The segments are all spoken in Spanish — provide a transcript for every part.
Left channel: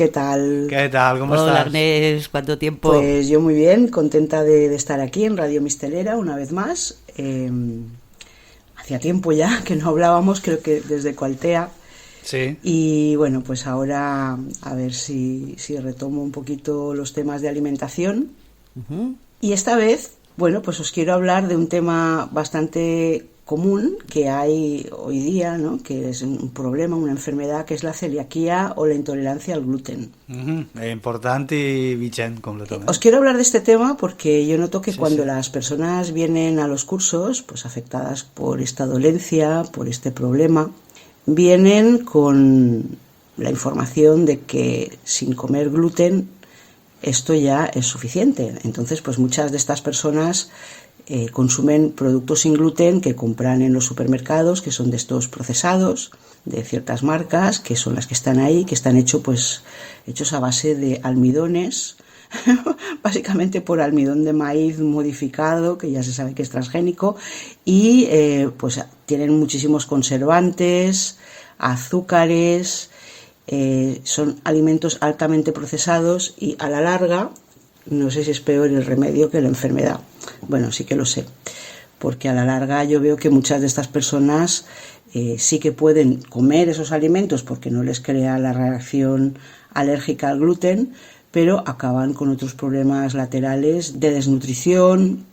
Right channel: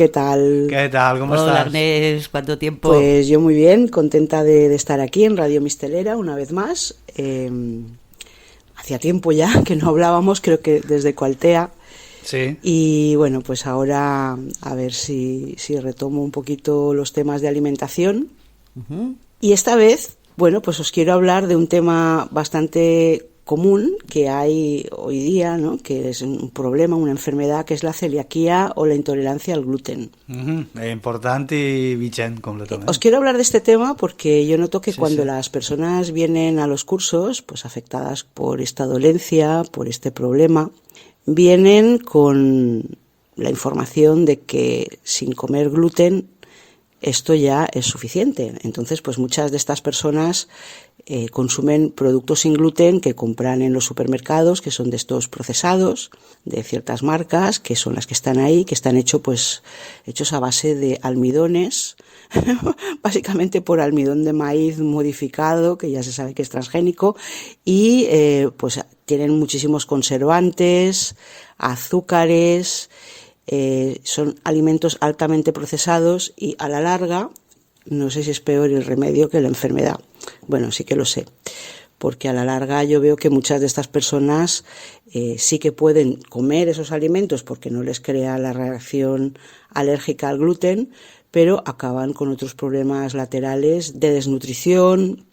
¿qué tal? ¿Qué tal? ¿Cómo Hola estás? Agnès, ¿cuánto tiempo? Pues yo muy bien, contenta de estar aquí en Radio Mistelera una vez más. Hacía tiempo ya que no hablábamos, creo que desde Cualtea. Sí. Y bueno, pues ahora a ver si retomo un poquito los temas de alimentación. Ujú. Y esta vez, bueno, pues os quiero hablar de un tema bastante común que hay hoy día, ¿no? Que es un problema, una enfermedad, que es la celiaquía o la intolerancia al gluten. Importante y vigent Os completament. quiero hablar de este tema porque yo noto que Sí, cuando sí. las personas vienen a los cursos, pues afectadas por esta dolencia, por este problema, vienen con la información de que sin comer gluten esto ya es suficiente. Entonces, pues muchas de estas personas consumen productos sin gluten que compran en los supermercados, que son de estos procesados, de ciertas marcas, que son las que están ahí, que están hechos a base de almidones, básicamente por almidón de maíz modificado, que ya se sabe que es transgénico, y pues tienen muchísimos conservantes, azúcares, son alimentos altamente procesados y a la larga, no sé si es peor el remedio que la enfermedad. Bueno, sí que lo sé, porque a la larga yo veo que muchas de estas personas sí que pueden comer esos alimentos porque no les crea la reacción alérgica al gluten, pero acaban con otros problemas laterales de desnutrición,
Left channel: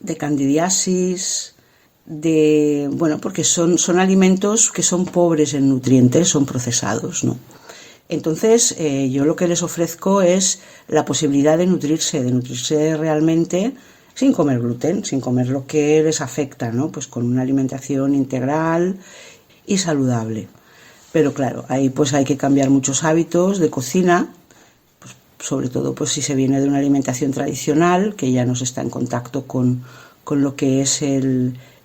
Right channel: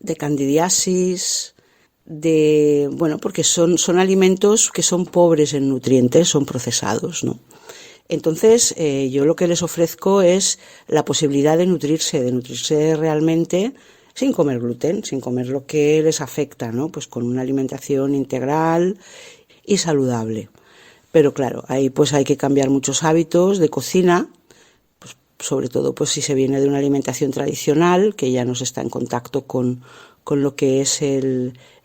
de candidiasis, bueno, porque son alimentos que son pobres en nutrientes, son procesados, ¿no? Entonces, yo lo que les ofrezco es la posibilidad de nutrirse realmente sin comer gluten, sin comer lo que les afecta, ¿no? Pues con una alimentación integral y saludable. Pero claro, ahí pues hay que cambiar muchos hábitos de cocina, pues, sobre todo pues si se viene de una alimentación tradicional, que ya no se está en contacto con lo que es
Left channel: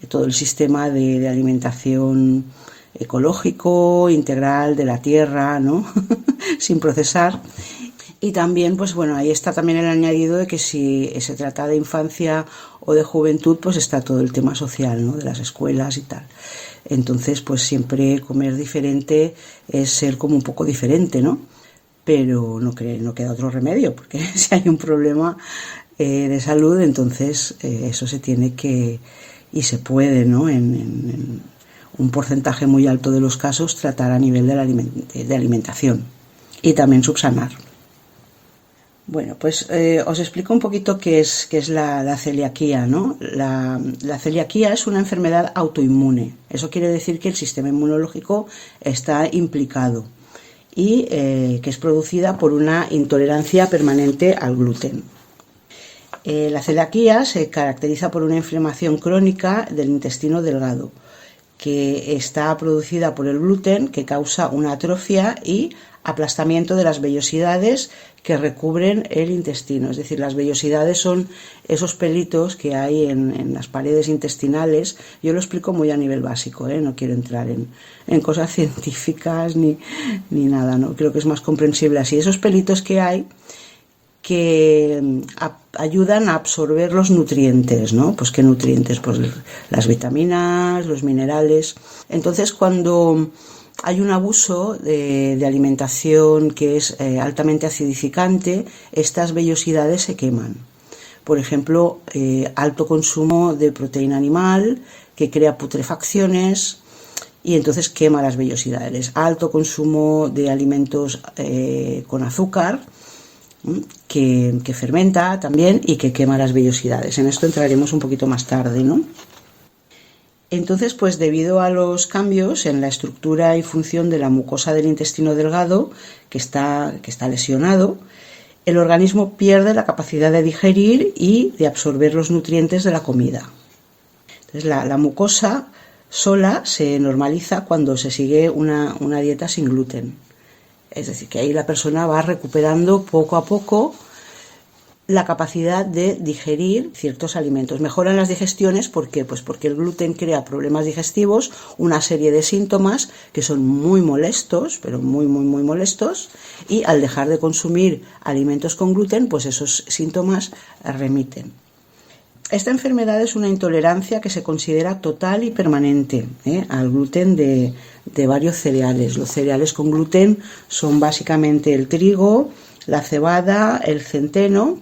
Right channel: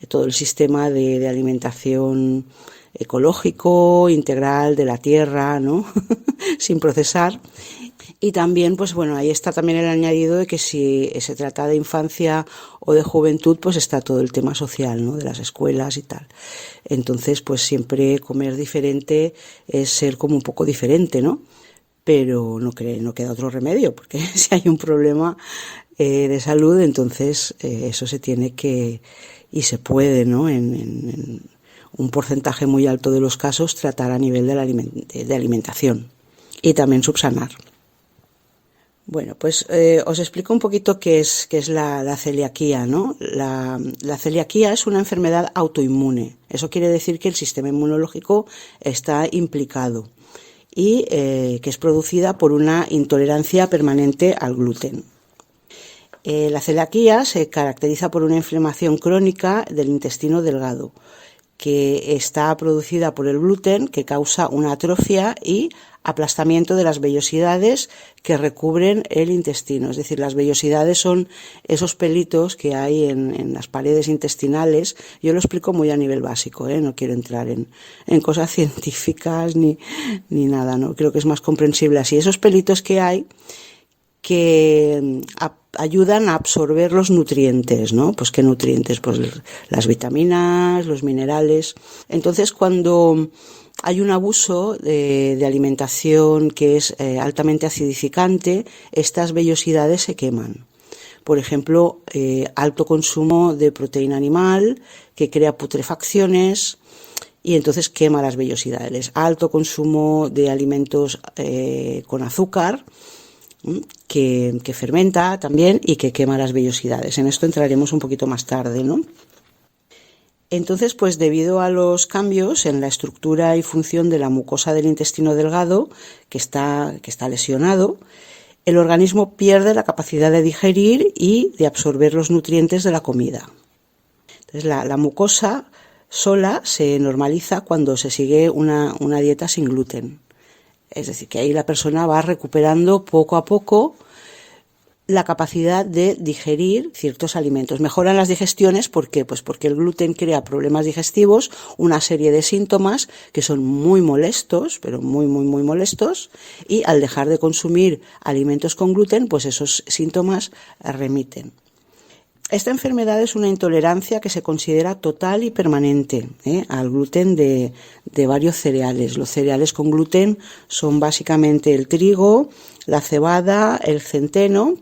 todo el sistema de alimentación ecológico, integral, de la tierra, ¿no? Sin procesar. Y también, pues bueno, ahí está también el añadido de que si se trata de infancia o de juventud, pues está todo el tema social, ¿no? De las escuelas y tal. Entonces, pues siempre comer diferente es ser como un poco diferente, ¿no? Pero no queda otro remedio, porque si hay un problema de salud, entonces eso se tiene que, y se puede, ¿no? En un porcentaje muy alto de los casos, tratar a nivel de alimentación y también subsanar. Bueno, pues os explico un poquito qué es la celiaquía, ¿no? La celiaquía es una enfermedad autoinmune. Eso quiere decir que el sistema inmunológico está implicado y que es producida por una intolerancia permanente al gluten. La celiaquía se caracteriza por una inflamación crónica del intestino delgado, que está producida por el gluten, que causa una atrofia y aplastamiento de las vellosidades que recubren el intestino. Es decir, las vellosidades son esos pelitos que hay en las paredes intestinales. Yo lo explico muy a nivel básico, no quiero entrar en cosas científicas ni nada, ¿no? Creo que es más comprensible así. Esos pelitos que hay que ayudan a absorber los nutrientes, ¿no? Pues qué nutrientes, pues las vitaminas, los minerales. Entonces, cuando hay un abuso de alimentación que es altamente acidificante, estas vellosidades se queman. Por ejemplo, alto consumo de proteína animal que crea putrefacciones y entonces quema las vellosidades. Alto consumo de alimentos con azúcar, que fermenta también y que quema las vellosidades. En esto entraremos un poquito más tarde, ¿no? Entonces, pues debido a los cambios en la estructura y función de la mucosa del intestino delgado, que está lesionado, el organismo pierde la capacidad de digerir y de absorber los nutrientes de la comida. Entonces, la mucosa sola se normaliza cuando se sigue una dieta sin gluten. Es decir, que ahí la persona va recuperando poco a poco la capacidad de digerir ciertos alimentos. Mejoran las digestiones, ¿por qué? Pues porque el gluten crea problemas digestivos, una serie de síntomas que son muy molestos, pero muy, muy, muy molestos, y al dejar de consumir alimentos con gluten, pues esos síntomas remiten. Esta enfermedad es una intolerancia que se considera total y permanente al gluten de varios cereales. Los cereales con gluten son básicamente el trigo, la cebada, el centeno.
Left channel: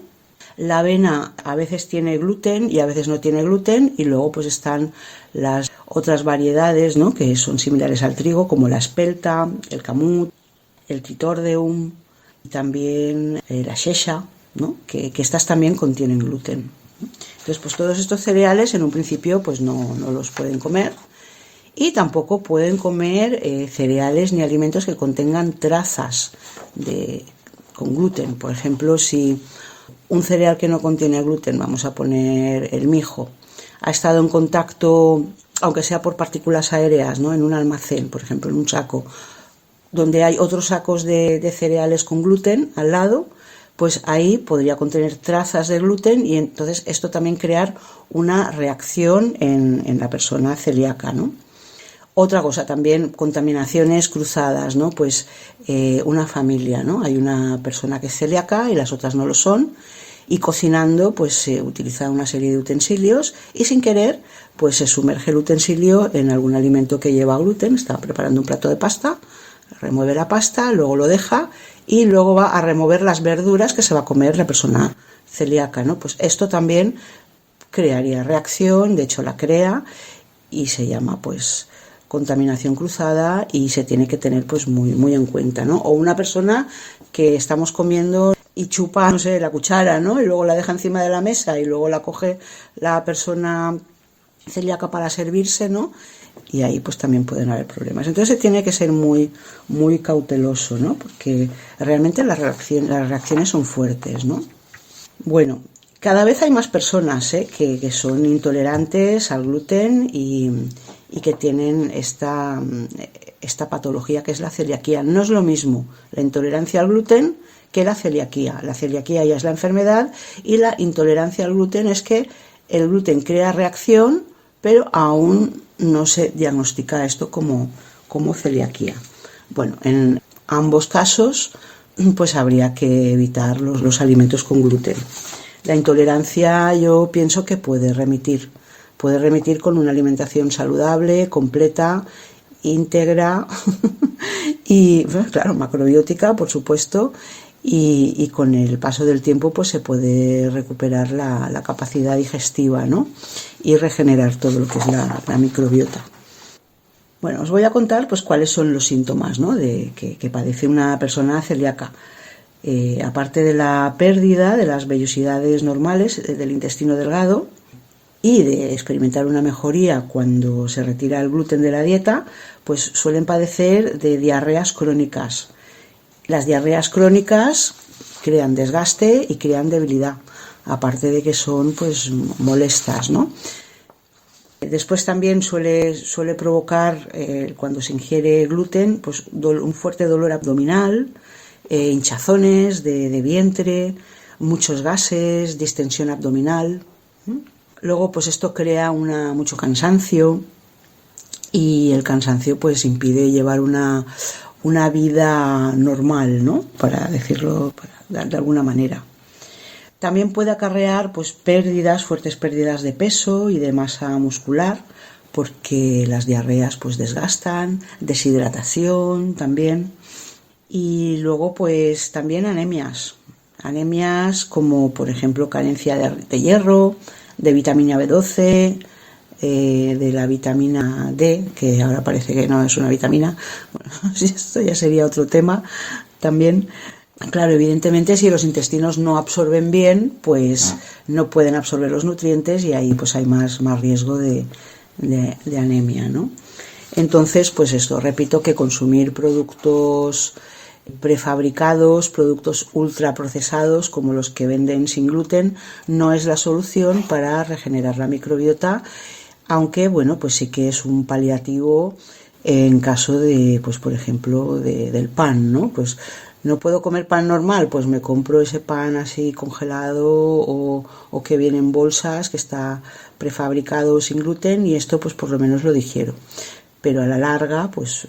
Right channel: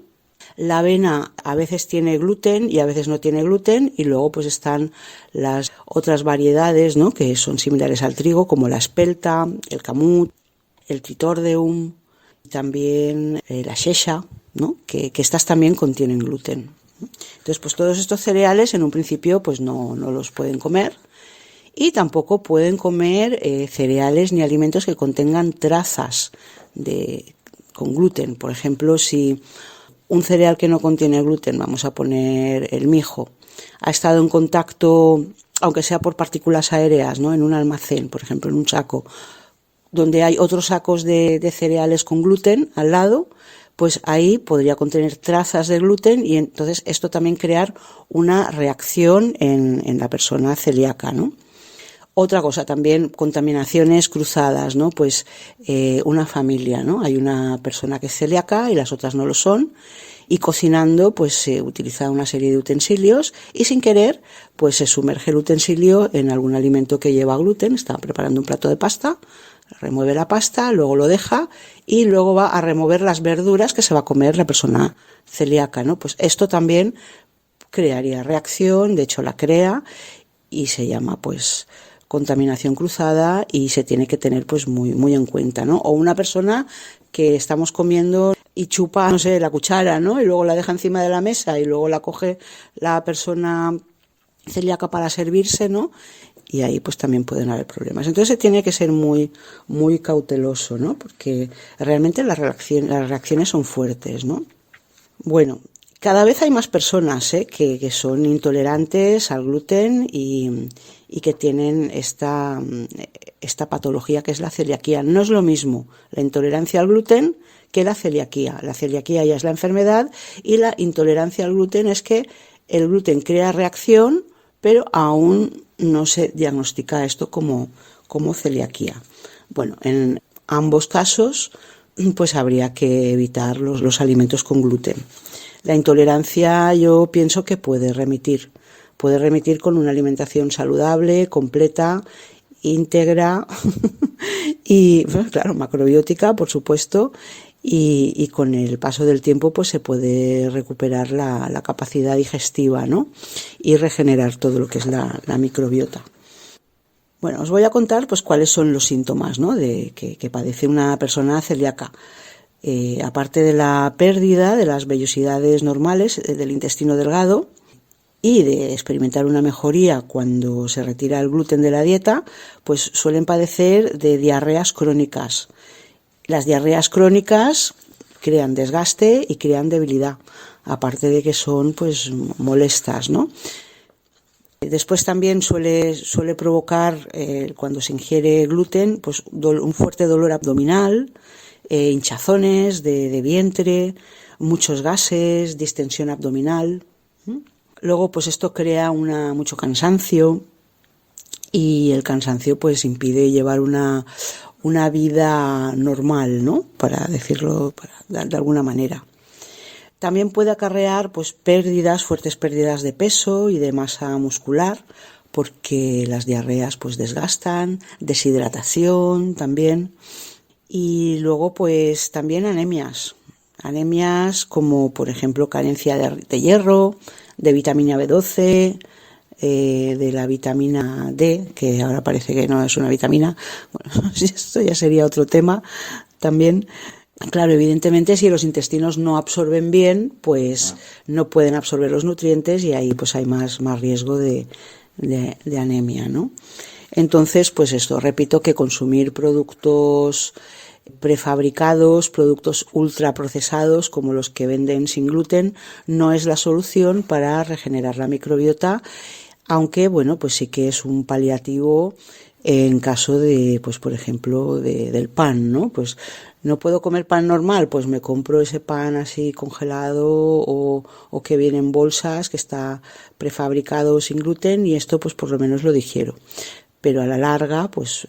La avena a veces tiene gluten y a veces no tiene gluten, y luego pues están las otras variedades, ¿no?, que son similares al trigo, como la espelta, el camut, el tritordeum, y también la shesha, ¿no?, que estas también contienen gluten. Entonces, pues todos estos cereales en un principio pues no los pueden comer, y tampoco pueden comer cereales ni alimentos que contengan trazas con gluten. Por ejemplo, si un cereal que no contiene gluten, vamos a poner el mijo, ha estado en contacto, aunque sea por partículas aéreas, ¿no?, en un almacén, por ejemplo, en un saco, donde hay otros sacos de cereales con gluten al lado, pues ahí podría contener trazas de gluten, y entonces esto también crear una reacción en la persona celíaca, ¿no? Otra cosa también, contaminaciones cruzadas, ¿no? Pues una familia, ¿no? Hay una persona que es celíaca y las otras no lo son, y cocinando pues se utiliza una serie de utensilios y sin querer pues se sumerge el utensilio en algún alimento que lleva gluten. Está preparando un plato de pasta, remueve la pasta, luego lo deja y luego va a remover las verduras que se va a comer la persona celíaca, ¿no? Pues esto también crearía reacción, de hecho la crea, y se llama pues contaminación cruzada, y se tiene que tener pues muy en cuenta, ¿no? O una persona que estamos comiendo y chupa, no sé, la cuchara, ¿no?, y luego la deja encima de la mesa y luego la coge la persona celíaca para servirse, ¿no?, y ahí pues también pueden haber problemas. Entonces se tiene que ser muy cauteloso, ¿no?, porque realmente las reacciones son fuertes, ¿no? Bueno, cada vez hay más personas que son intolerantes al gluten y que tienen esta patología que es la celiaquía. No es lo mismo la intolerancia al gluten que la celiaquía. La celiaquía ya es la enfermedad, y la intolerancia al gluten es que el gluten crea reacción, pero aún no se diagnostica esto como celiaquía. Bueno, en ambos casos pues habría que evitar los alimentos con gluten. La intolerancia yo pienso que puede remitir con una alimentación saludable, completa, íntegra y, bueno, claro, macrobiótica, por supuesto, y con el paso del tiempo pues se puede recuperar la capacidad digestiva, ¿no?, y regenerar todo lo que es la microbiota. Bueno, os voy a contar pues cuáles son los síntomas, ¿no?, de que padece una persona celíaca. Aparte de la pérdida de las vellosidades normales del intestino delgado y de experimentar una mejoría cuando se retira el gluten de la dieta, pues suelen padecer de diarreas crónicas. Las diarreas crónicas crean desgaste y crean debilidad, aparte de que son pues molestas, ¿no? Después también suele provocar, cuando se ingiere gluten, pues un fuerte dolor abdominal, hinchazones de vientre, muchos gases, distensión abdominal. Luego pues esto crea mucho cansancio, y el cansancio pues impide llevar una vida normal, ¿no?, para decirlo de alguna manera. También puede acarrear pues fuertes pérdidas de peso y de masa muscular, porque las diarreas pues desgastan, deshidratación también. Y luego pues también anemias como por ejemplo carencia de hierro, de vitamina B12, de la vitamina D, que ahora parece que no es una vitamina. Bueno, esto ya sería otro tema también. Claro, evidentemente si los intestinos no absorben bien, pues no pueden absorber los nutrientes, y ahí pues hay más riesgo de anemia, ¿no? Entonces, pues esto, repito que consumir productos prefabricados, productos ultraprocesados como los que venden sin gluten, no es la solución para regenerar la microbiota, aunque bueno, pues sí que es un paliativo en caso de, pues por ejemplo, del pan, ¿no? Pues no puedo comer pan normal, pues me compro ese pan así congelado o que viene en bolsas, que está prefabricado sin gluten, y esto pues por lo menos lo digiero. Pero a la larga pues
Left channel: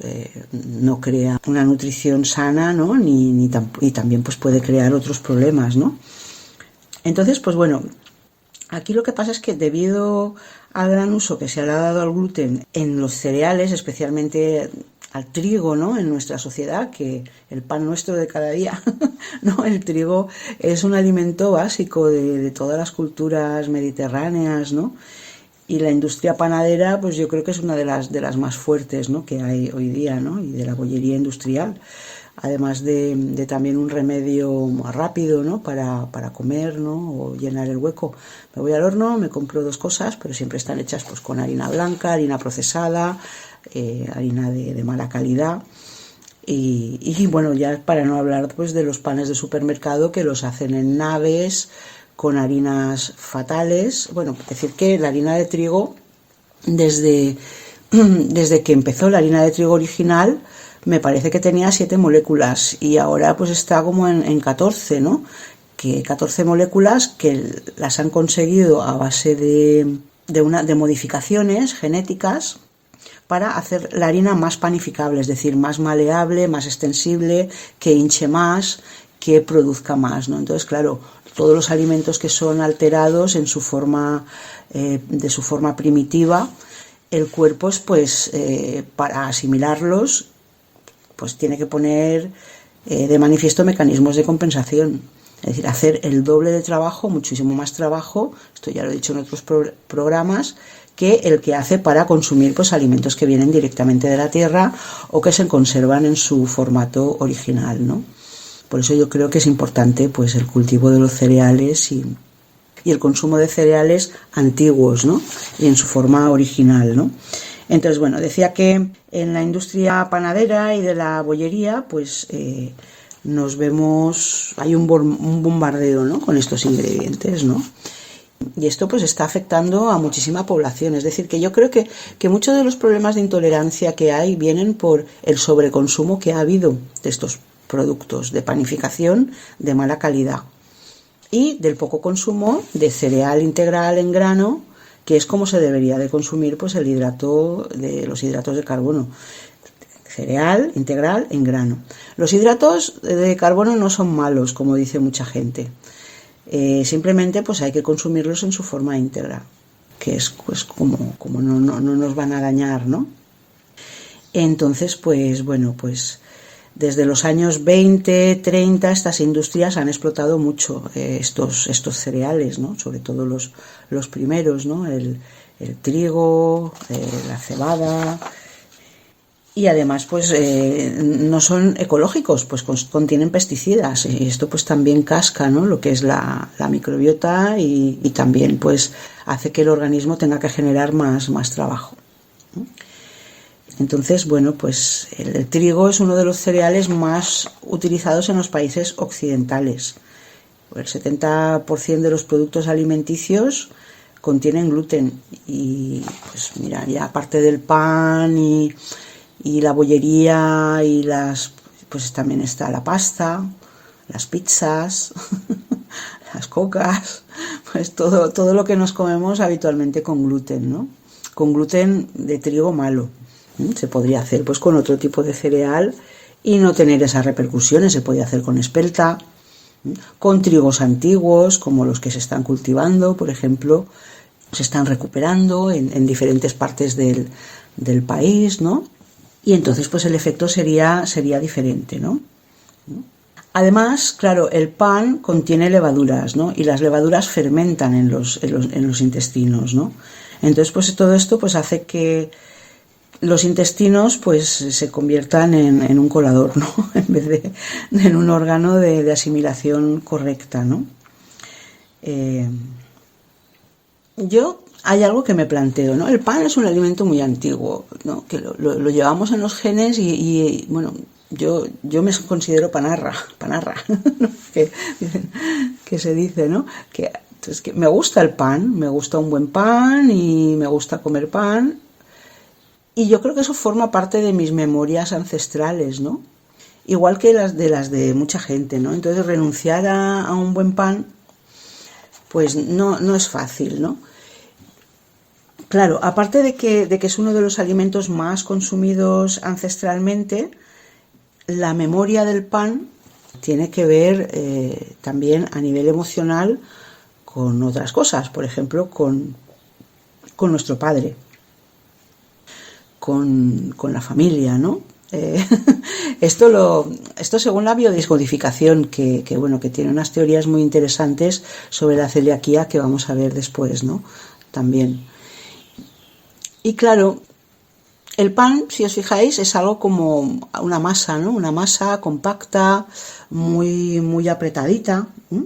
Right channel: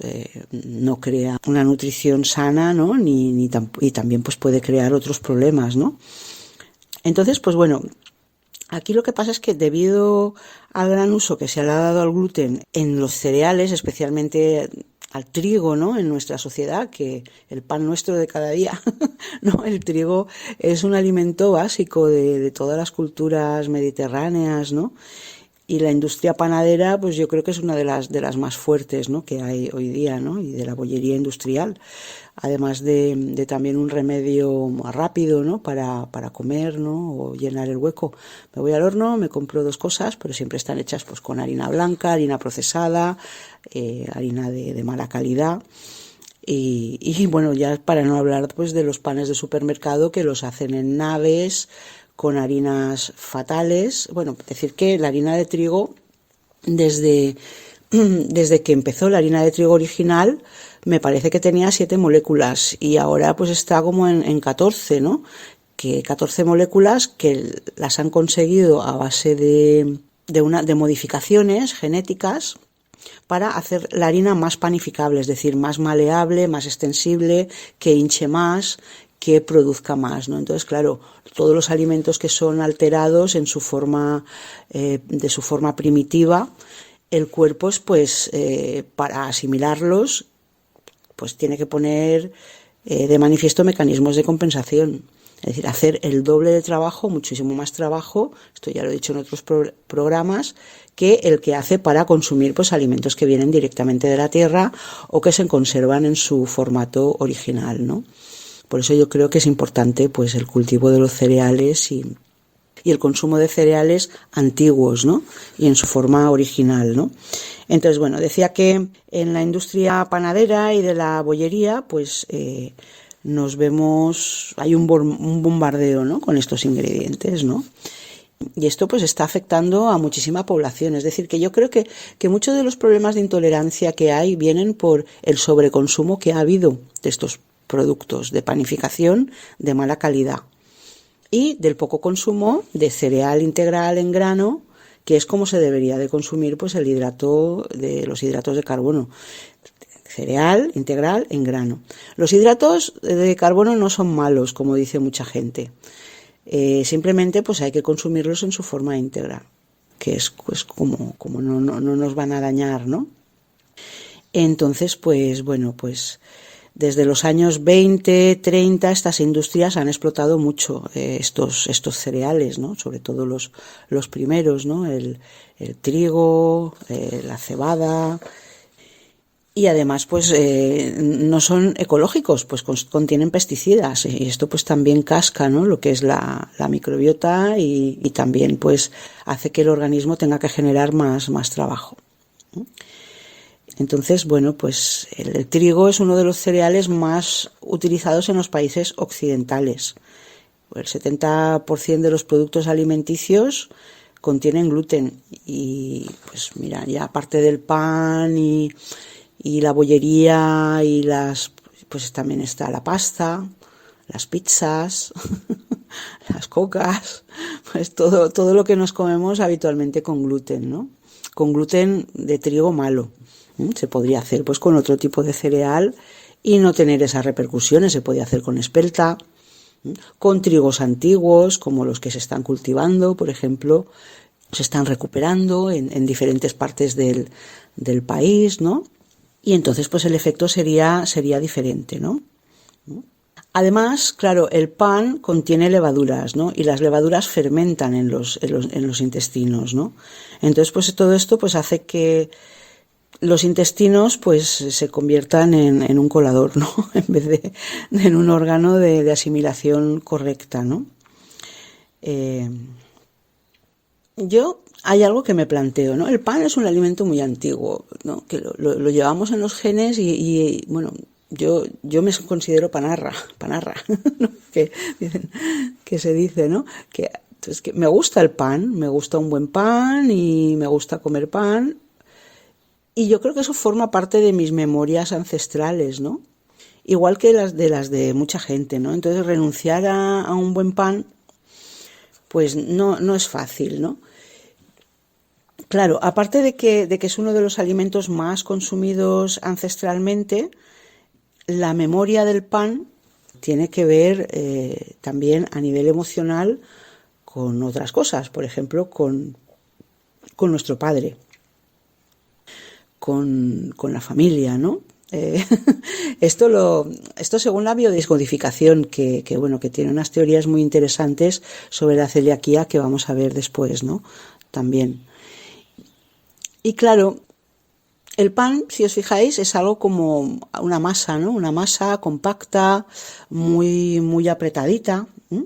no crea una nutrición sana, ¿no? Y también pues puede crear otros problemas, ¿no? Entonces pues bueno, Aquí lo que pasa es que debido al gran uso que se le ha dado al gluten en los cereales, especialmente al trigo, ¿no? En nuestra sociedad, que el pan nuestro de cada día, ¿no? El trigo es un alimento básico de todas las culturas mediterráneas, ¿no? Y la industria panadera, pues yo creo que es una de las más fuertes, ¿no? Que hay hoy día, ¿no? Y de la bollería industrial, además de también un remedio más rápido, ¿no? Para comer, ¿no? O llenar el hueco. Me voy al horno, me compro 2 cosas, pero siempre están hechas pues con harina blanca, harina procesada, harina de mala calidad. Y bueno, ya para no hablar pues de los panes de supermercado que los hacen en naves con harinas fatales. Bueno, decir que la harina de trigo, desde, desde que empezó la harina de trigo original, me parece que tenía 7 moléculas y ahora pues está como en 14, ¿no? Que 14 moléculas que las han conseguido a base de modificaciones genéticas para hacer la harina más panificable, es decir, más maleable, más extensible, que hinche más, que produzca más, ¿no? Entonces, claro, todos los alimentos que son alterados en su forma, de su forma primitiva, el cuerpo, pues, para asimilarlos, pues tiene que poner de manifiesto mecanismos de compensación. Es decir, hacer el doble de trabajo, muchísimo más trabajo, esto ya lo he dicho en otros programas, que el que hace para consumir pues alimentos que vienen directamente de la tierra o que se conservan en su formato original, ¿no? Por eso yo creo que es importante pues el cultivo de los cereales y el consumo de cereales antiguos, ¿no? Y en su forma original, ¿no? Entonces, bueno, decía que en la industria panadera y de la bollería, pues nos vemos, hay un bombardeo, ¿no? Con estos ingredientes, ¿no? Y esto pues está afectando a muchísima población. Es decir, que yo creo que muchos de los problemas de intolerancia que hay vienen por el sobreconsumo que ha habido de estos productos de panificación de mala calidad y del poco consumo de cereal integral en grano, que es como se debería de consumir pues los hidratos de carbono. Cereal integral en grano. Los hidratos de carbono no son malos, como dice mucha gente. Simplemente pues hay que consumirlos en su forma íntegra, que es pues como no nos van a dañar, ¿no? Entonces, pues bueno, pues desde los años 20, 30 estas industrias han explotado mucho estos cereales, ¿no? Sobre todo los primeros, ¿no? El trigo, la cebada. Y además pues no son ecológicos, pues contienen pesticidas y esto pues también casca, ¿no? Lo que es la microbiota y también pues hace que el organismo tenga que generar más trabajo, ¿no? Entonces, bueno, pues el trigo es uno de los cereales más utilizados en los países occidentales. El 70% de los productos alimenticios contienen gluten y pues mira, ya aparte del pan y la bollería y pues también está la pasta, las pizzas, las cocas, pues todo lo que nos comemos habitualmente con gluten, ¿no? Con gluten de trigo malo. Se podría hacer pues con otro tipo de cereal y no tener esas repercusiones. Se podría hacer con espelta, con trigos antiguos como los que se están cultivando, por ejemplo, se están recuperando en diferentes partes del país, ¿no? Y entonces pues el efecto sería diferente, ¿no? Además, claro, el pan contiene levaduras, ¿no? Y las levaduras fermentan en los intestinos, ¿no? Entonces pues todo esto pues hace que los intestinos pues se conviertan en un colador, ¿no? En vez de en un órgano de asimilación correcta, ¿no? Hay algo que me planteo, ¿no? El pan es un alimento muy antiguo, ¿no? Que lo llevamos en los genes y bueno, yo me considero panarra, ¿no? Que se dice, ¿no? Que me gusta el pan, me gusta un buen pan y me gusta comer pan. Y yo creo que eso forma parte de mis memorias ancestrales, ¿no? Igual que las de mucha gente, ¿no? Entonces renunciar a un buen pan, pues no es fácil, ¿no? Claro, aparte de que es uno de los alimentos más consumidos ancestralmente, la memoria del pan tiene que ver también a nivel emocional con otras cosas, por ejemplo, con nuestro padre, con la familia, ¿no? Esto según la biodescodificación, que tiene unas teorías muy interesantes sobre la celiaquía que vamos a ver después, ¿no? También. Y claro, el pan, si os fijáis, es algo como una masa, ¿no? Una masa compacta, muy, muy apretadita, ¿eh?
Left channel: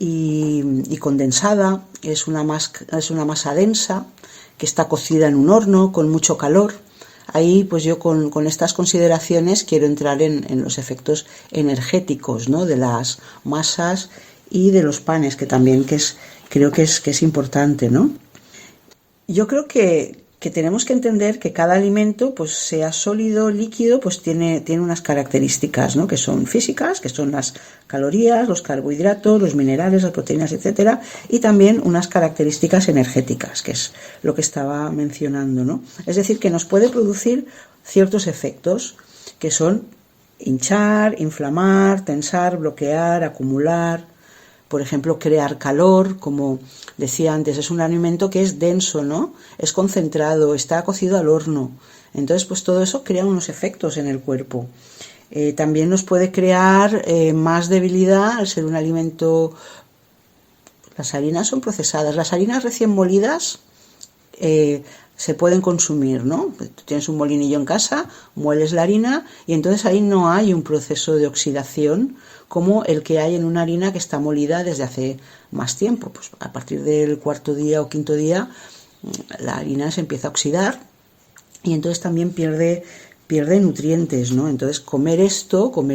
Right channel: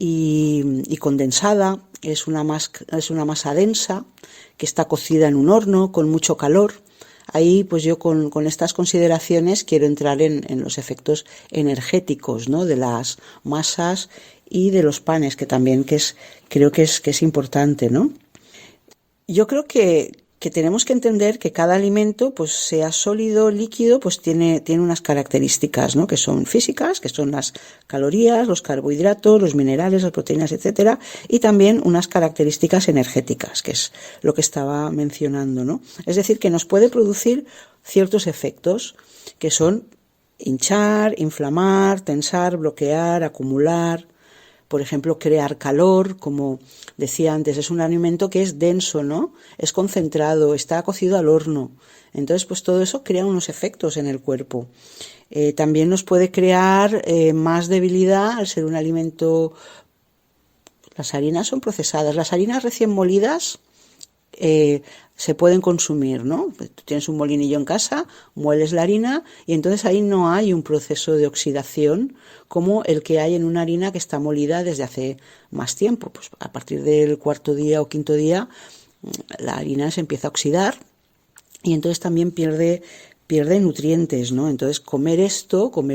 Y condensada. Es una masa densa que está cocida en un horno con mucho calor. Ahí, pues yo con estas consideraciones quiero entrar en los efectos energéticos, ¿no? De las masas y de los panes, que también creo que es importante, ¿no? Yo creo que tenemos que entender que cada alimento, pues sea sólido, líquido, pues tiene unas características, ¿no? Que son físicas, que son las calorías, los carbohidratos, los minerales, las proteínas, etcétera, y también unas características energéticas, que es lo que estaba mencionando, ¿no? Es decir, que nos puede producir ciertos efectos que son hinchar, inflamar, tensar, bloquear, acumular. Por ejemplo, crear calor, como decía antes, es un alimento que es denso, ¿no? Es concentrado, está cocido al horno. Entonces, pues todo eso crea unos efectos en el cuerpo. También nos puede crear más debilidad al ser un alimento. Las harinas son procesadas. Las harinas recién molidas se pueden consumir, ¿no? Tú tienes un molinillo en casa, mueles la harina y entonces ahí no hay un proceso de oxidación como el que hay en una harina que está molida desde hace más tiempo. Pues a partir del cuarto día o quinto día la harina se empieza a oxidar y entonces también pierde nutrientes, ¿no? Entonces comer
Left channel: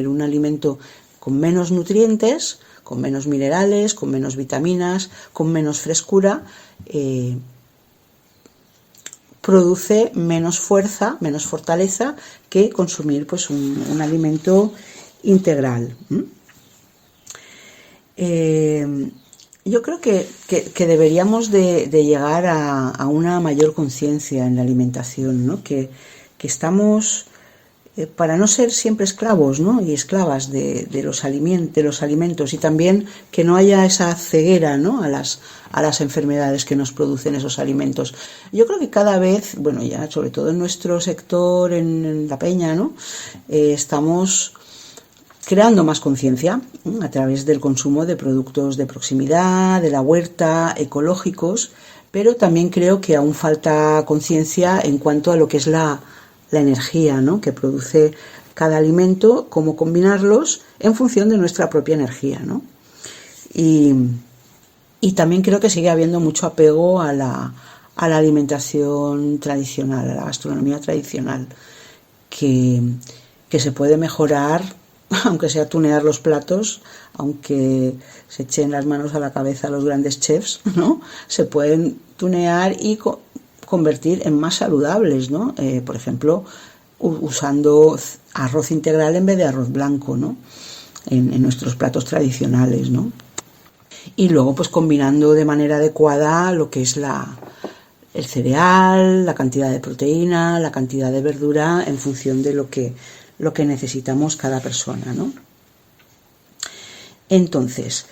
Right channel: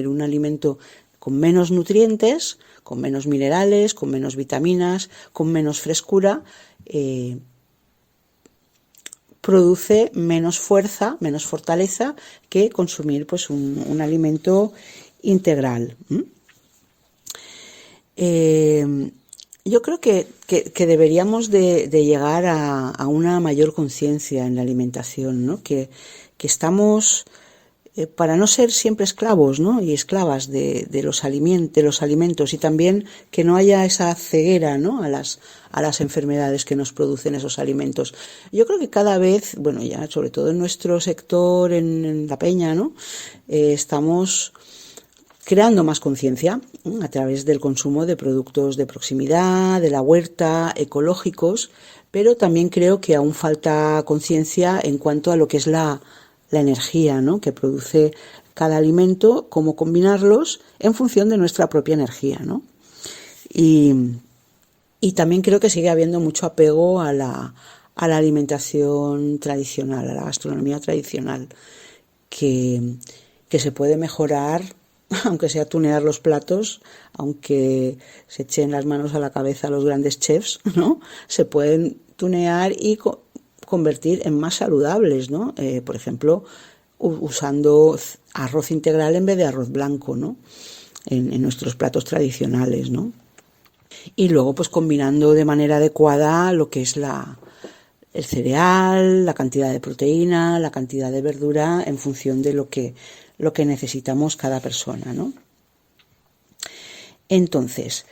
un alimento con menos nutrientes, con menos minerales, con menos vitaminas, con menos frescura, produce menos fuerza, menos fortaleza que consumir pues un alimento integral. Yo creo que deberíamos de llegar a una mayor conciencia en la alimentación, ¿no? Que estamos, para no ser siempre esclavos, ¿no? Y esclavas de los alimentos, y también que no haya esa ceguera, ¿no? a las enfermedades que nos producen esos alimentos. Yo creo que cada vez, bueno, ya sobre todo en nuestro sector, en la peña, ¿no? Estamos creando más conciencia a través del consumo de productos de proximidad, de la huerta, ecológicos, pero también creo que aún falta conciencia en cuanto a lo que es la energía, ¿no? Que produce cada alimento, cómo combinarlos en función de nuestra propia energía, ¿no? Y también creo que sigue habiendo mucho apego a la alimentación tradicional, a la gastronomía tradicional, que se puede mejorar, aunque sea tunear los platos, aunque se echen las manos a la cabeza los grandes chefs, ¿no? Se pueden tunear y convertir en más saludables, ¿no? Por ejemplo, usando arroz integral en vez de arroz blanco, ¿no? En nuestros platos tradicionales, ¿no? Y luego pues combinando de manera adecuada lo que es el cereal, la cantidad de proteína, la cantidad de verdura en función de lo que necesitamos cada persona, ¿no? Entonces,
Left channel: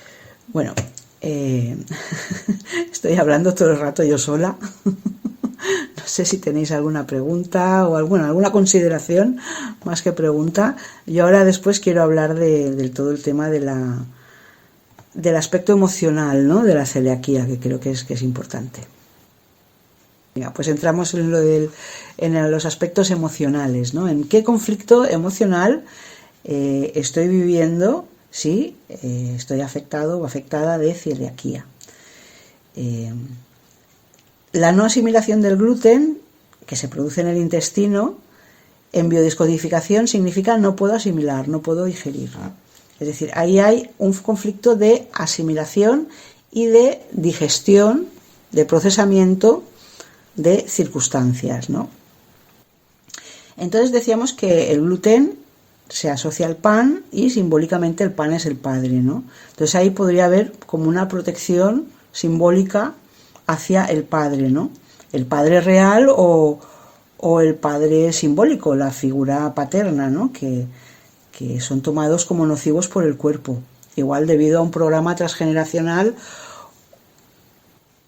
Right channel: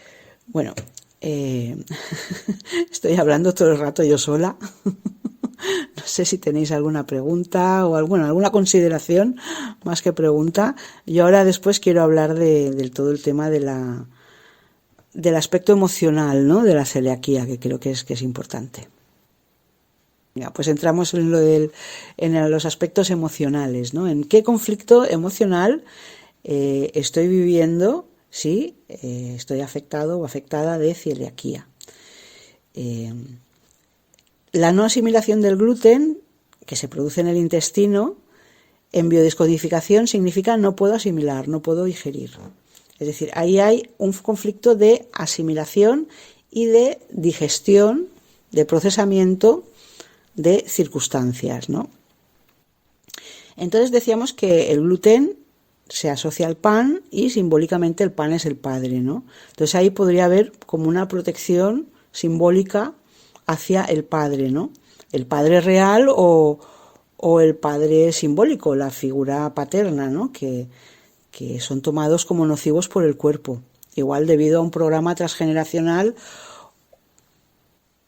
bueno, estoy hablando todo el rato yo sola. No sé si tenéis alguna pregunta o alguna consideración más que pregunta. Yo ahora después quiero hablar del todo el tema del aspecto emocional, ¿no? De la celiaquía, que creo que es importante. Venga, pues entramos en los aspectos emocionales, ¿no? ¿En qué conflicto emocional estoy viviendo si estoy afectado o afectada de celiaquía? La no asimilación del gluten, que se produce en el intestino, en biodescodificación significa no puedo asimilar, no puedo digerir. Es decir, ahí hay un conflicto de asimilación y de digestión, de procesamiento de circunstancias, ¿no? Entonces decíamos que el gluten se asocia al pan y simbólicamente el pan es el padre, ¿no? Entonces ahí podría haber como una protección simbólica hacia el padre, ¿no? El padre real o el padre simbólico, la figura paterna, ¿no? Que son tomados como nocivos por el cuerpo, igual debido a un programa transgeneracional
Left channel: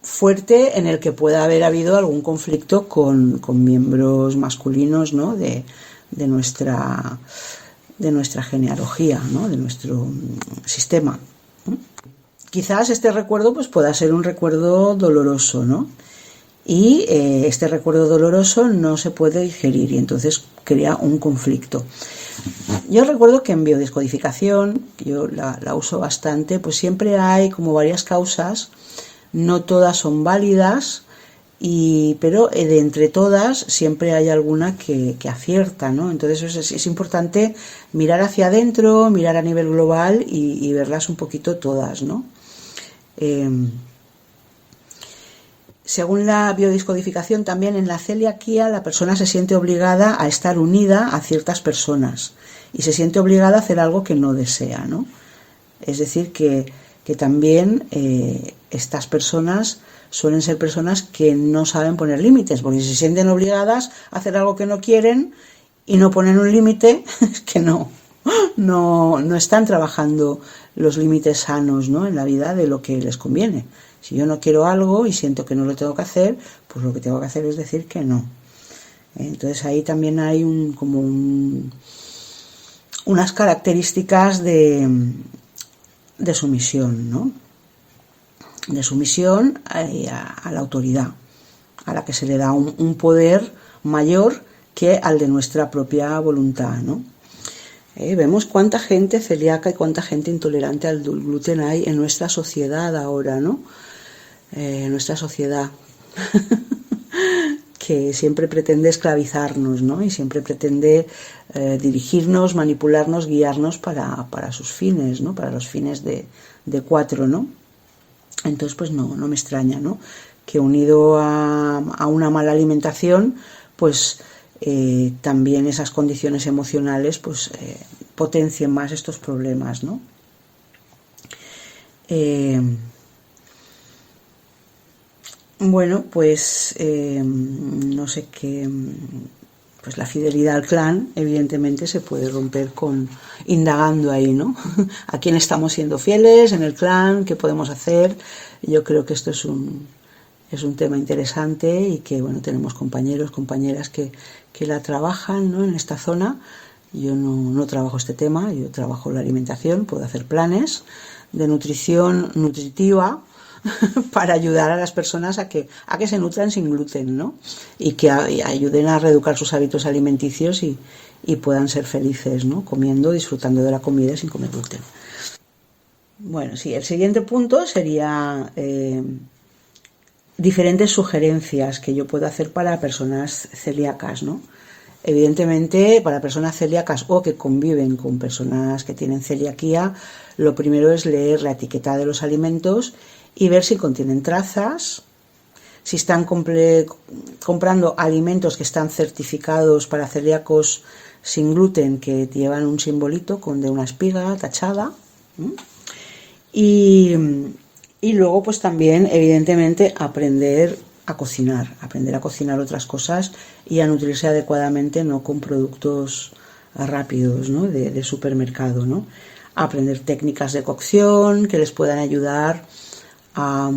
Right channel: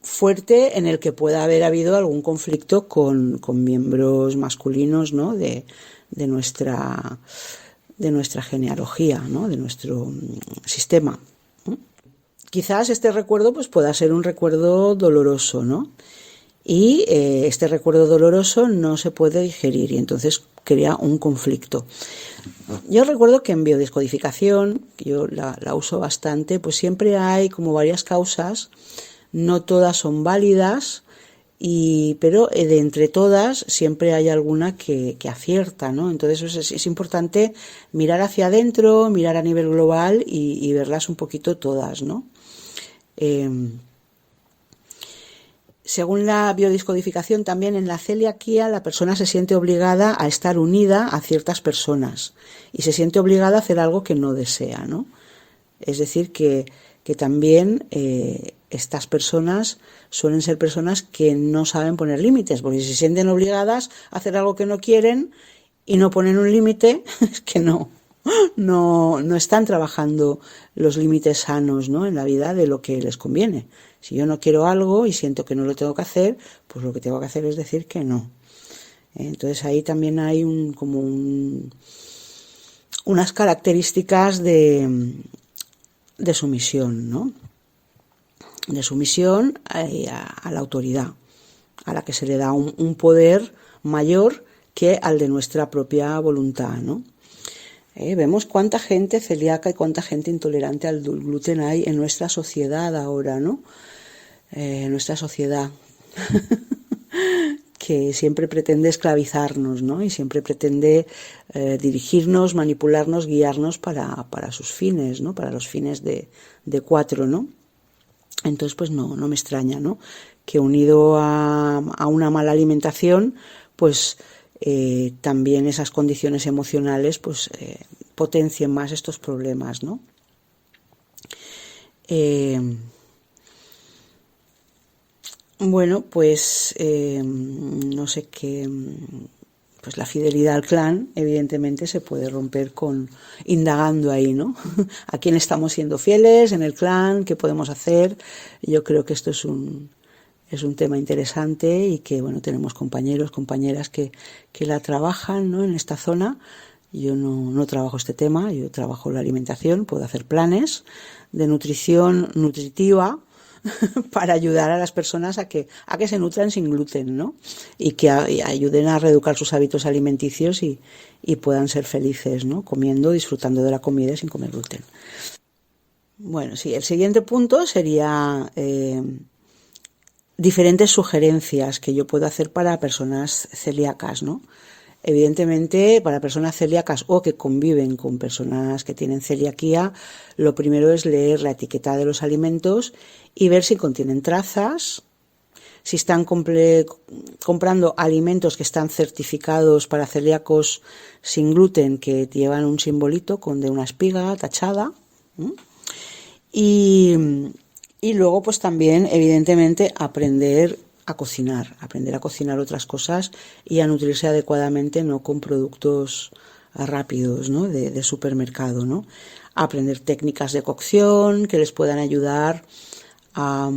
fuerte en el que pueda haber habido algún conflicto con miembros masculinos, ¿no? de nuestra genealogía, ¿no? De nuestro sistema. Quizás este recuerdo pues, pueda ser un recuerdo doloroso, ¿no? Y este recuerdo doloroso no se puede digerir y entonces crea un conflicto. Yo recuerdo que en biodescodificación, yo la uso bastante, pues siempre hay como varias causas, no todas son válidas, pero de entre todas siempre hay alguna que acierta, ¿no? Entonces es importante mirar hacia adentro, mirar a nivel global y verlas un poquito todas, ¿no? Según la biodescodificación, también en la celiaquía la persona se siente obligada a estar unida a ciertas personas y se siente obligada a hacer algo que no desea, ¿no? Es decir, que también estas personas suelen ser personas que no saben poner límites, porque si se sienten obligadas a hacer algo que no quieren y no ponen un límite, es que no están trabajando los límites sanos, ¿no? En la vida de lo que les conviene. Si yo no quiero algo y siento que no lo tengo que hacer, pues lo que tengo que hacer es decir que no. Entonces ahí también hay unas características de sumisión, ¿no? De sumisión a la autoridad, a la que se le da un poder mayor que al de nuestra propia voluntad, ¿no? Vemos cuánta gente celíaca y cuánta gente intolerante al gluten hay en nuestra sociedad ahora, ¿no? Nuestra sociedad que siempre pretende esclavizarnos, ¿no? Y siempre pretende dirigirnos, manipularnos, guiarnos para sus fines, ¿no? Para los fines de cuatro, ¿no? Entonces, pues no me extraña, ¿no? Que unido a una mala alimentación, pues también esas condiciones emocionales, pues potencien más estos problemas, ¿no? Bueno, pues no sé qué, pues la fidelidad al clan evidentemente se puede romper indagando ahí, ¿no? ¿A quién estamos siendo fieles en el clan? ¿Qué podemos hacer? Yo creo que esto es un tema interesante y que, bueno, tenemos compañeros, compañeras que la trabajan, ¿no? En esta zona. Yo no trabajo este tema, yo trabajo la alimentación, puedo hacer planes de nutrición nutritiva para ayudar a las personas a que se nutran sin gluten, ¿no? Y que ayuden a reeducar sus hábitos alimenticios y puedan ser felices, ¿no? Comiendo, disfrutando de la comida sin comer gluten. Bueno, sí, el siguiente punto sería diferentes sugerencias que yo puedo hacer para personas celíacas, ¿no? Evidentemente, para personas celíacas o que conviven con personas que tienen celiaquía, lo primero es leer la etiqueta de los alimentos y ver si contienen trazas, si están comprando alimentos que están certificados para celíacos sin gluten, que llevan un simbolito de una espiga tachada. Y luego, pues también, evidentemente, aprender a cocinar otras cosas y a nutrirse adecuadamente, no con productos rápidos, ¿no? de supermercado, ¿no? Aprender técnicas de cocción que les puedan ayudar a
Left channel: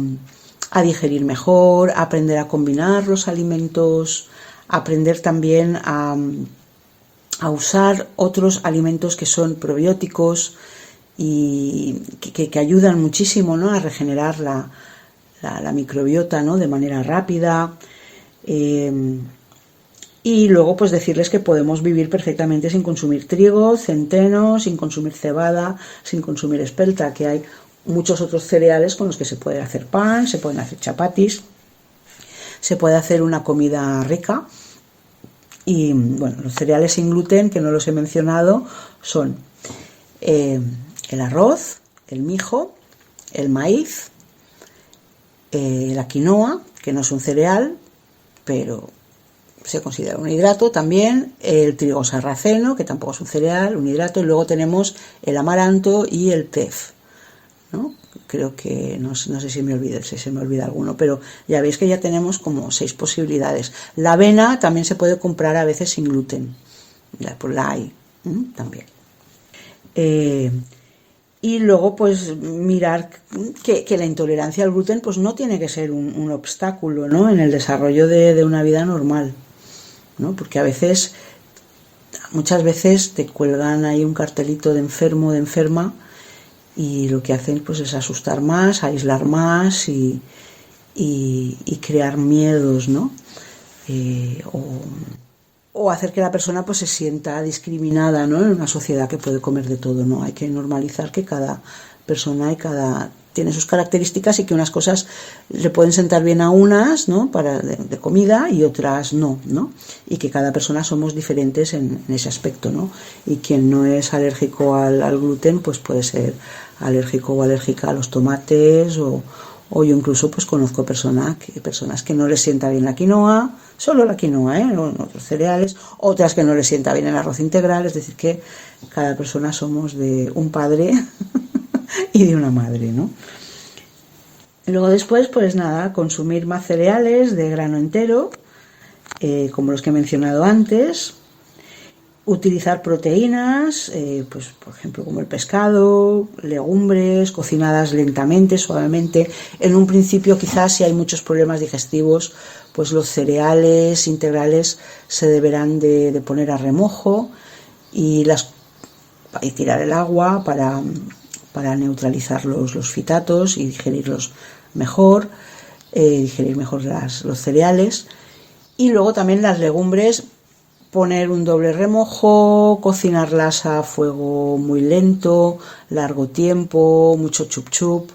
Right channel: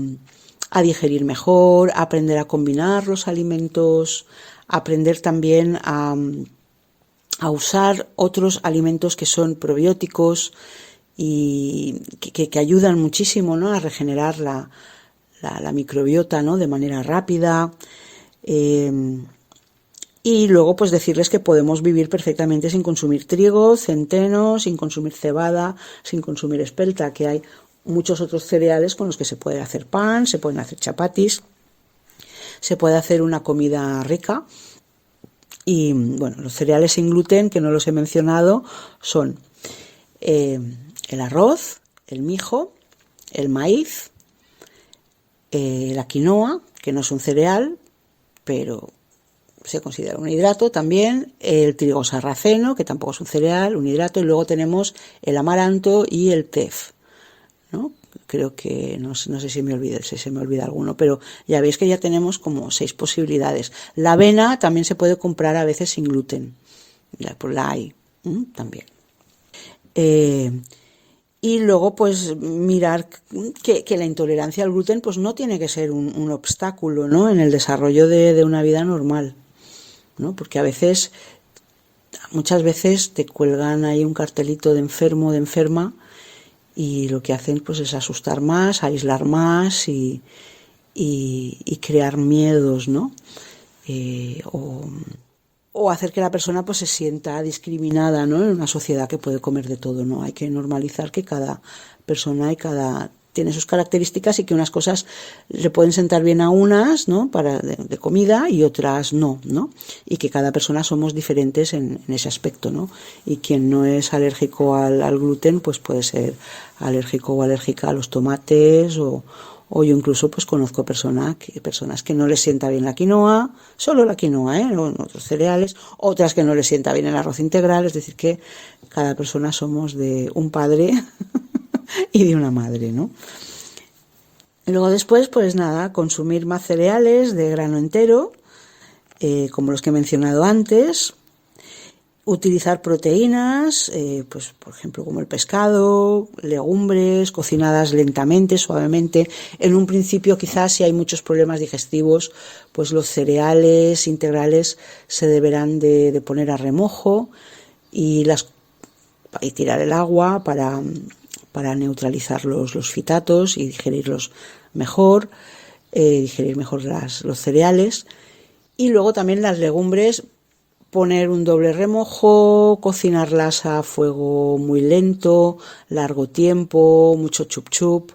digerir mejor, aprender a combinar los alimentos, aprender también a usar otros alimentos que son probióticos y que ayudan muchísimo, ¿no? A regenerar la microbiota, ¿no? De manera rápida. Y luego, pues decirles que podemos vivir perfectamente sin consumir trigo, centeno, sin consumir cebada, sin consumir espelta, que hay muchos otros cereales con los que se puede hacer pan, se pueden hacer chapatis, se puede hacer una comida rica. Y bueno, los cereales sin gluten, que no los he mencionado, son el arroz, el mijo, el maíz, la quinoa, que no es un cereal, pero se considera un hidrato también, el trigo sarraceno, que tampoco es un cereal, un hidrato, y luego tenemos el amaranto y el tef, ¿no? Creo que no sé si se me olvida alguno, pero ya veis que ya tenemos como 6 posibilidades. La avena también se puede comprar a veces sin gluten, pues la hay también. Y luego pues mirar que la intolerancia al gluten pues no tiene que ser un obstáculo, ¿no?, en el desarrollo de una vida normal, ¿no? Porque muchas veces te cuelgan ahí un cartelito de enfermo, de enferma, y lo que hacen pues es asustar más, aislar más y crear miedos, ¿no? O hacer que la persona pues se sienta discriminada, ¿no?, en una sociedad que puede comer de todo, ¿no? Hay que normalizar que cada persona tiene sus características y que unas cosas le pueden sentar bien a unas, ¿no?, de comida, y otras no, ¿no? Y que cada persona somos diferentes en ese aspecto, ¿no? Y quien no es alérgico al gluten pues puede ser alérgico o alérgica a los tomates, o yo incluso pues conozco personas que no les sienta bien la quinoa, solo la quinoa, no otros cereales, otras que no les sienta bien el arroz integral. Es decir, que cada persona somos de un padre y de una madre, ¿no? Luego después, pues nada, consumir más cereales de grano entero, como los que he mencionado antes. Utilizar proteínas, pues por ejemplo como el pescado, legumbres, cocinadas lentamente, suavemente. En un principio quizás si hay muchos problemas digestivos, pues los cereales integrales se deberán de poner a remojo y tirar el agua para neutralizar los fitatos y digerir mejor los cereales. Y luego también las legumbres, poner un doble remojo, cocinarlas a fuego muy lento, largo tiempo, mucho chup chup.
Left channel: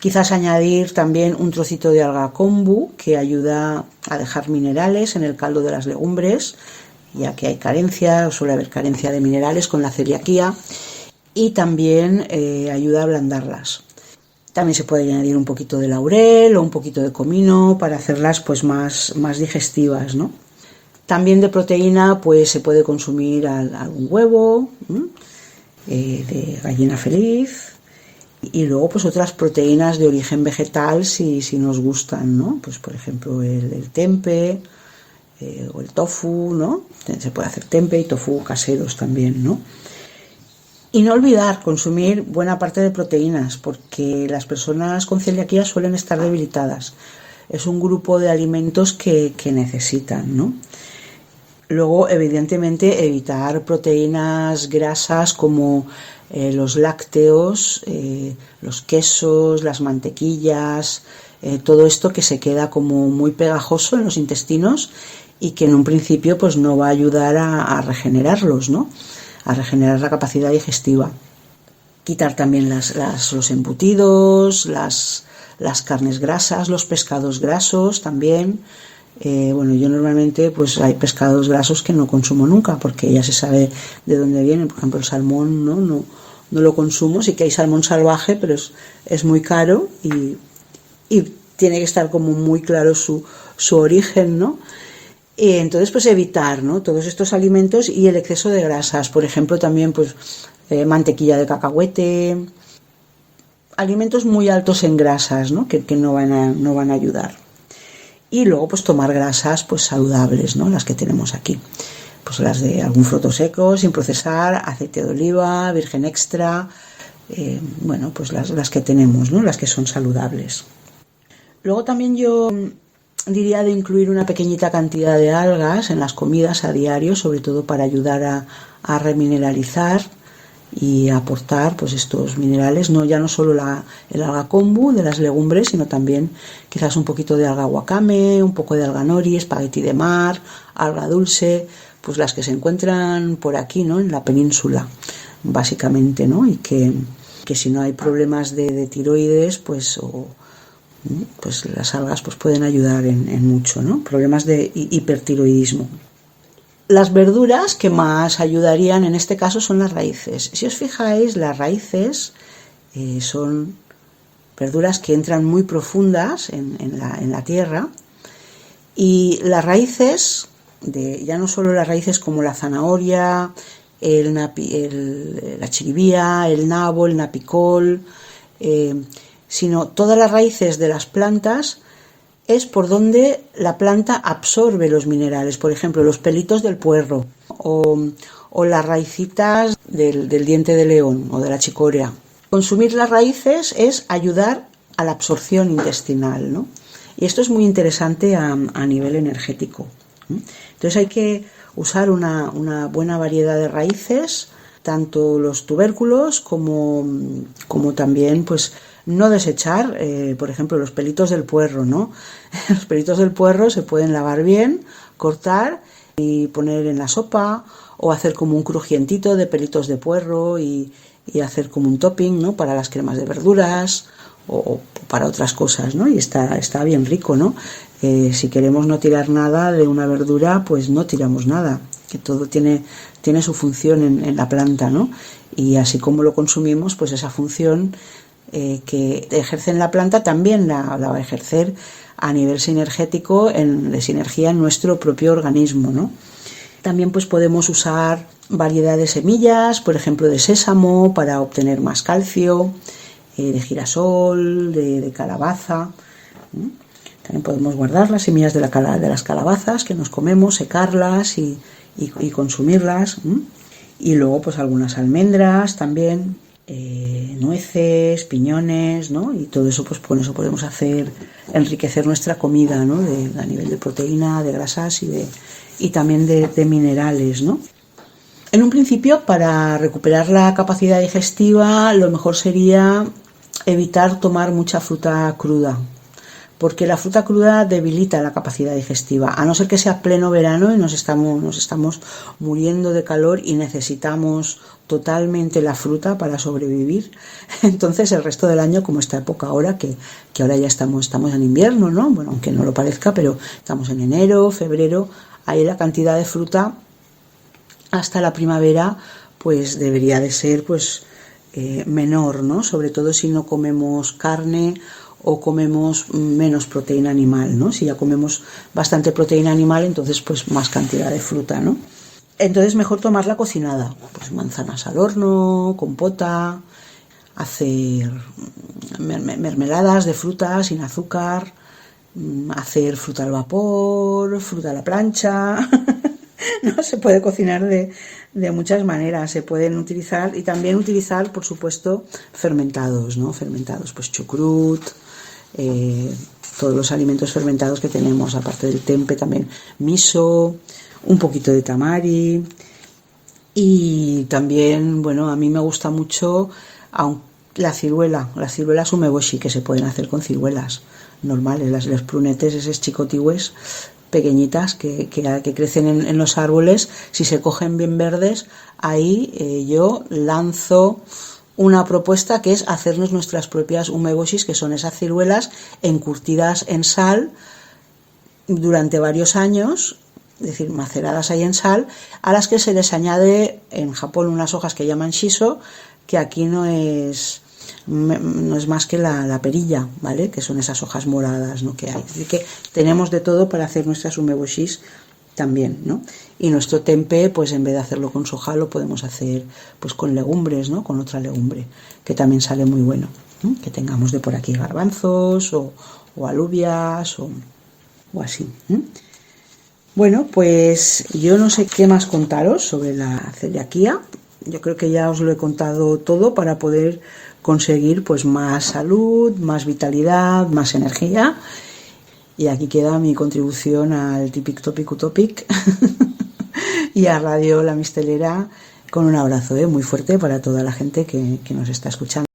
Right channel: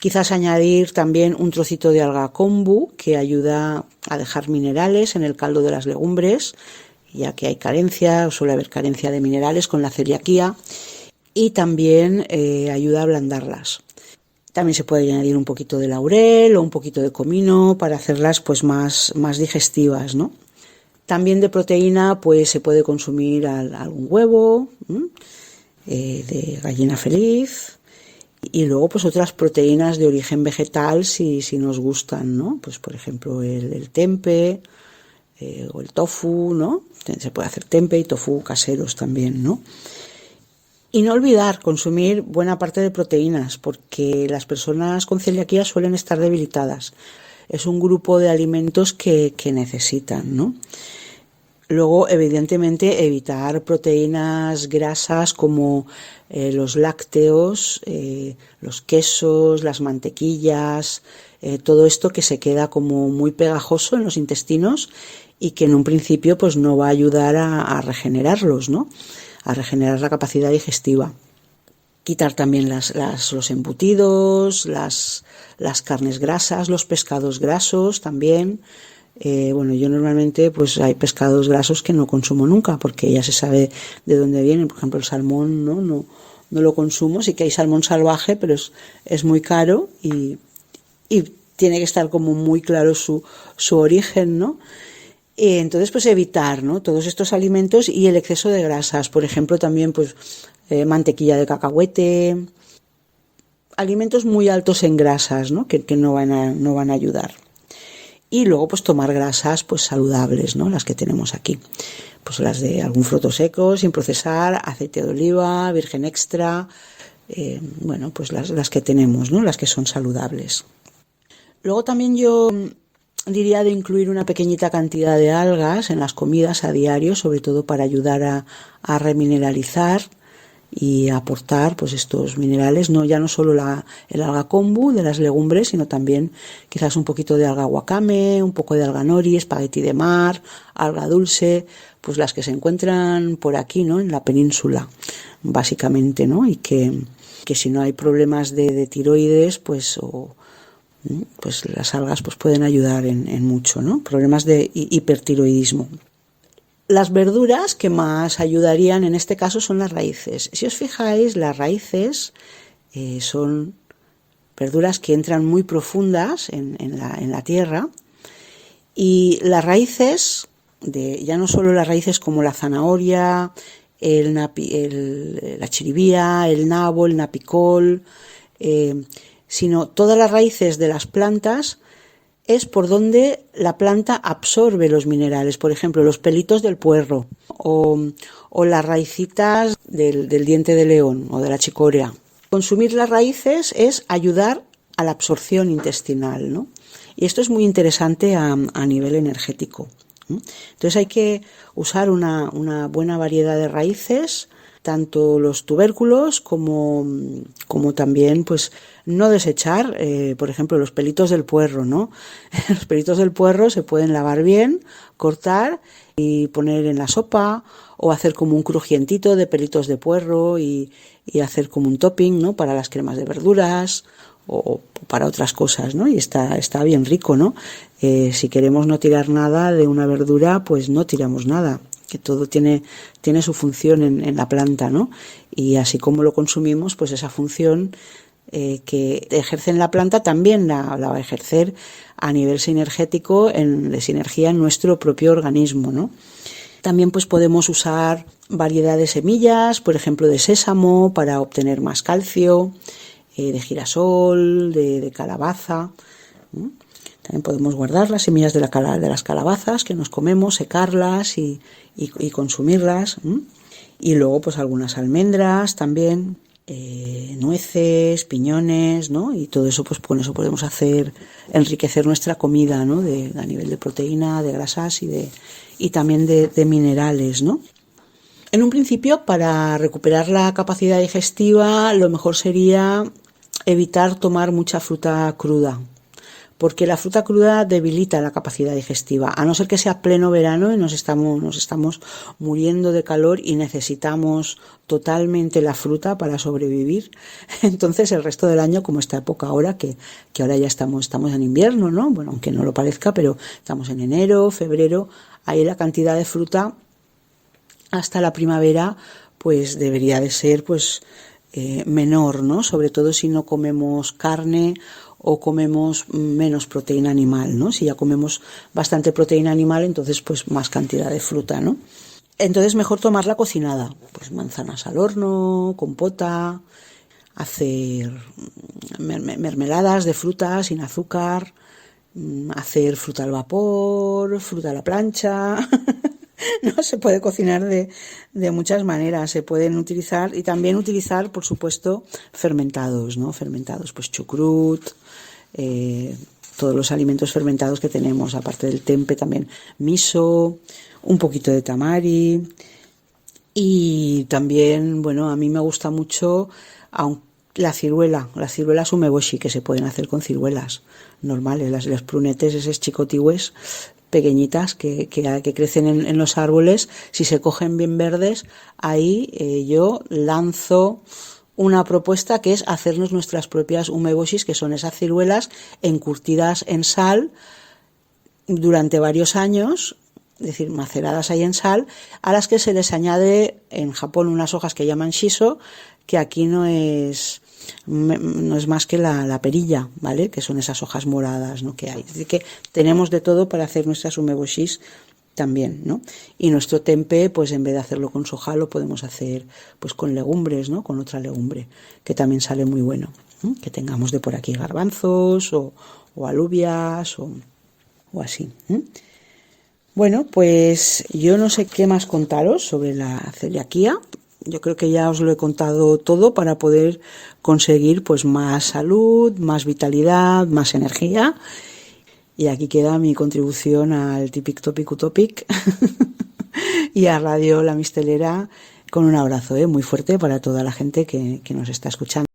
Quizás añadir también un trocito de alga kombu, que ayuda a dejar minerales en el caldo de las legumbres, ya que suele haber carencia de minerales con la celiaquía, y también ayuda a ablandarlas. También se puede añadir un poquito de laurel o un poquito de comino para hacerlas pues más digestivas, ¿no? También de proteína pues se puede consumir algún huevo de gallina feliz, y luego pues otras proteínas de origen vegetal si nos gustan, ¿no? Pues por ejemplo el tempe o el tofu, ¿no? Se puede hacer tempe y tofu caseros también, ¿no? Y no olvidar consumir buena parte de proteínas, porque las personas con celiaquía suelen estar debilitadas. Es un grupo de alimentos que necesitan, ¿no? Luego, evidentemente, evitar proteínas grasas como los lácteos, los quesos, las mantequillas, todo esto que se queda como muy pegajoso en los intestinos y que en un principio pues no va a ayudar a regenerarlos, ¿no?, a regenerar la capacidad digestiva. Quitar también los embutidos, las carnes grasas, los pescados grasos también. Yo normalmente pues hay pescados grasos que no consumo nunca porque ya se sabe de dónde vienen. Por ejemplo, el salmón no lo consumo. Sí que hay salmón salvaje, pero es muy caro y tiene que estar como muy claro su origen, ¿no? Entonces pues evitar, ¿no?, todos estos alimentos y el exceso de grasas. Por ejemplo, también pues mantequilla de cacahuete, alimentos muy altos en grasas, ¿no?, que no van a ayudar. Y luego pues tomar grasas pues saludables, ¿no?, las que tenemos aquí, pues las de algún fruto seco sin procesar, aceite de oliva, virgen extra, pues las que tenemos, ¿no?, las que son saludables. Luego también yo diría de incluir una pequeñita cantidad de algas en las comidas a diario, sobre todo para ayudar a remineralizar y a aportar pues estos minerales, ya no solo el alga kombu de las legumbres, sino también quizás un poquito de alga wakame, un poco de alga nori, espagueti de mar, alga dulce, pues las que se encuentran por aquí, ¿no?, en la península básicamente, ¿no?, y que si no hay problemas de tiroides pues las algas pues pueden ayudar en mucho, ¿no?, problemas de hipertiroidismo. Las verduras que más ayudarían en este caso son las raíces. Si os fijáis, las raíces son verduras que entran muy profundas en la tierra, y las raíces, ya no solo las raíces como la zanahoria, la chiribía, el nabo, el napicol, sino todas las raíces de las plantas es por donde la planta absorbe los minerales. Por ejemplo, los pelitos del puerro o las raicitas del diente de león o de la chicoria. Consumir las raíces es ayudar a la absorción intestinal, ¿no? Y esto es muy interesante a nivel energético. Entonces hay que usar una buena variedad de raíces, tanto los tubérculos como también, pues, no desechar, por ejemplo, los pelitos del puerro, ¿no? Los pelitos del puerro se pueden lavar bien, cortar y poner en la sopa, o hacer como un crujientito de pelitos de puerro y hacer como un topping, ¿no? Para las cremas de verduras o para otras cosas, ¿no? Y está bien rico, ¿no? Si queremos no tirar nada de una verdura, pues no tiramos nada, que todo tiene su función en la planta, ¿no? Y así como lo consumimos, pues esa función que ejerce en la planta también la va a ejercer a nivel sinergético, de sinergia en nuestro propio organismo, ¿no? También pues podemos usar variedad de semillas, por ejemplo de sésamo para obtener más calcio, de girasol, de calabaza. También podemos guardar las semillas de las calabazas que nos comemos, secarlas y consumirlas. Y luego pues algunas almendras también, nueces, piñones, ¿no? Y todo eso, pues con eso podemos enriquecer nuestra comida, ¿no? A nivel de proteína, de grasas y también de minerales, ¿no? En un principio, para recuperar la capacidad digestiva, lo mejor sería evitar tomar mucha fruta cruda, porque la fruta cruda debilita la capacidad digestiva, a no ser que sea pleno verano y nos estamos muriendo de calor y necesitamos totalmente la fruta para sobrevivir. Entonces el resto del año, como esta época ahora, que ahora ya estamos en invierno, ¿no? Bueno, aunque no lo parezca, pero estamos en enero, febrero, ahí la cantidad de fruta hasta la primavera pues debería de ser pues menor, ¿no? Sobre todo si no comemos carne o comemos menos proteína animal, ¿no? Si ya comemos bastante proteína animal, entonces pues más cantidad de fruta, ¿no? Entonces mejor tomarla cocinada, pues manzanas al horno, compota, hacer mermeladas de fruta sin azúcar, hacer fruta al vapor, fruta a la plancha. No, se puede cocinar de muchas maneras, se pueden utilizar y también utilizar, por supuesto, fermentados, ¿no? Fermentados, pues chucrut, todos los alimentos fermentados que tenemos, aparte del tempe también miso, un poquito de tamari y también, bueno, a mí me gusta mucho la ciruela sumeboshi, que se pueden hacer con ciruelas normales, las prunetes, esos chicotihues pequeñitas que crecen en los árboles. Si se cogen bien verdes, ahí yo lanzo una propuesta que es hacernos nuestras propias umeboshis, que son esas ciruelas encurtidas en sal durante varios años, es decir, maceradas ahí en sal, a las que se les añade en Japón unas hojas que llaman shiso, que aquí no es más que la perilla, ¿vale? Que son esas hojas moradas, ¿no? Que hay. Así que tenemos de todo para hacer nuestras umeboshis también, ¿no? Y nuestro tempe, pues en vez de hacerlo con soja, lo podemos hacer pues con legumbres, ¿no? Con otra legumbre, que también sale muy bueno, ¿no? Que tengamos de por aquí garbanzos o alubias o así, ¿eh? Bueno, pues yo no sé qué más contaros sobre la celiaquía. Yo creo que ya os lo he contado todo para poder conseguir pues más salud, más vitalidad, más energía. Y aquí queda mi contribución al Tipic Topic Utopic y a Radio La Mistelera, con un abrazo muy fuerte para toda la gente que nos está escuchando.